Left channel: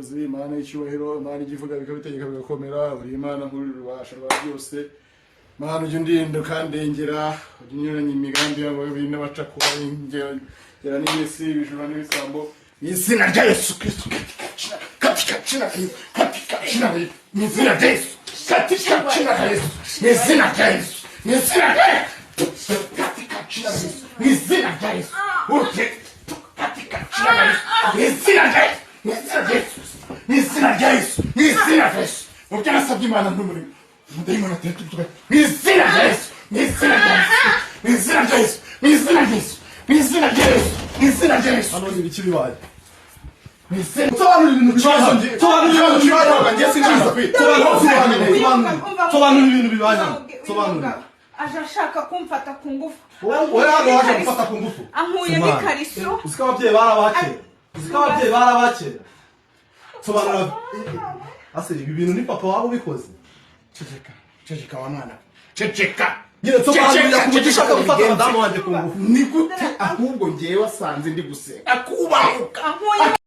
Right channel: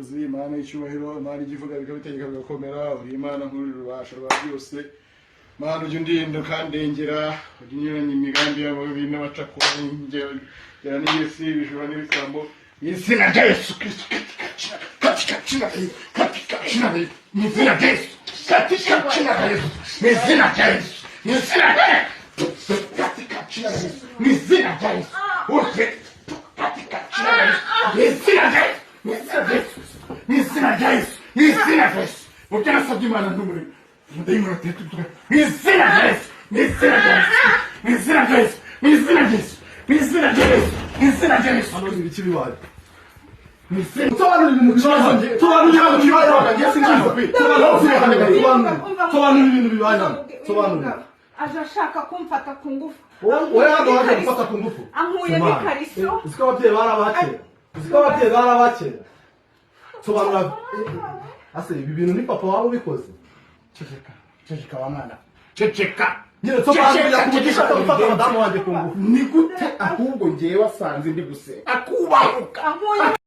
ubuyobozi, Imana y'icyubahiro, Imana igivuga bikabitegeka bigakomera, uri Imana nkuru rubasha rwa byose. Mana ujye undinda kandengera, ujye unyuranya imigambi yabo n'abacakura ingera n'iyesi bijura n'ibisambo. Izina rya Yesu Kristo katika jina ni izina rya Yesu katika jina rya Yesu ni izina rya Yesu ni izina rya Yesu katika jina rya Yesu ni izina rya Yesu uje katika jina rya Yesu ni izina rya Yesu ni izina rya Yesu ni izina rya Yesu ni izina rya Yesu ubyasabye Imana n'umurimo mudayimana tetuka ni izina rya Yesu ni izina rya Yesu ni izina rya Yesu ni izina rya Yesu ni izina rya Yesu ni izina rya Yesu hano ibiki bibaye Sobanura ibintu bibaye. Sobanura ibintu bibaye. Ngese ngizo pe. Sobanura ibintu bibaye hano. Sobanura. Aje ashaka kumfata ku ngufu. Wowe hano waje gufata ku ngufu. Ankuye n'ikariso. Uziko ababyeyi barabakera. Uziko ababyeyi barabakera. Sobanura. Ase ibi bintu ni papa wabo bikoze. Ceceka wa mwana. Ceceka. Nyine sobanura kumugisha ko gufata madamu wanjye ku ngufu. Ni gute ahubwo ngiye wasanze ndi guseka. Akubahuka.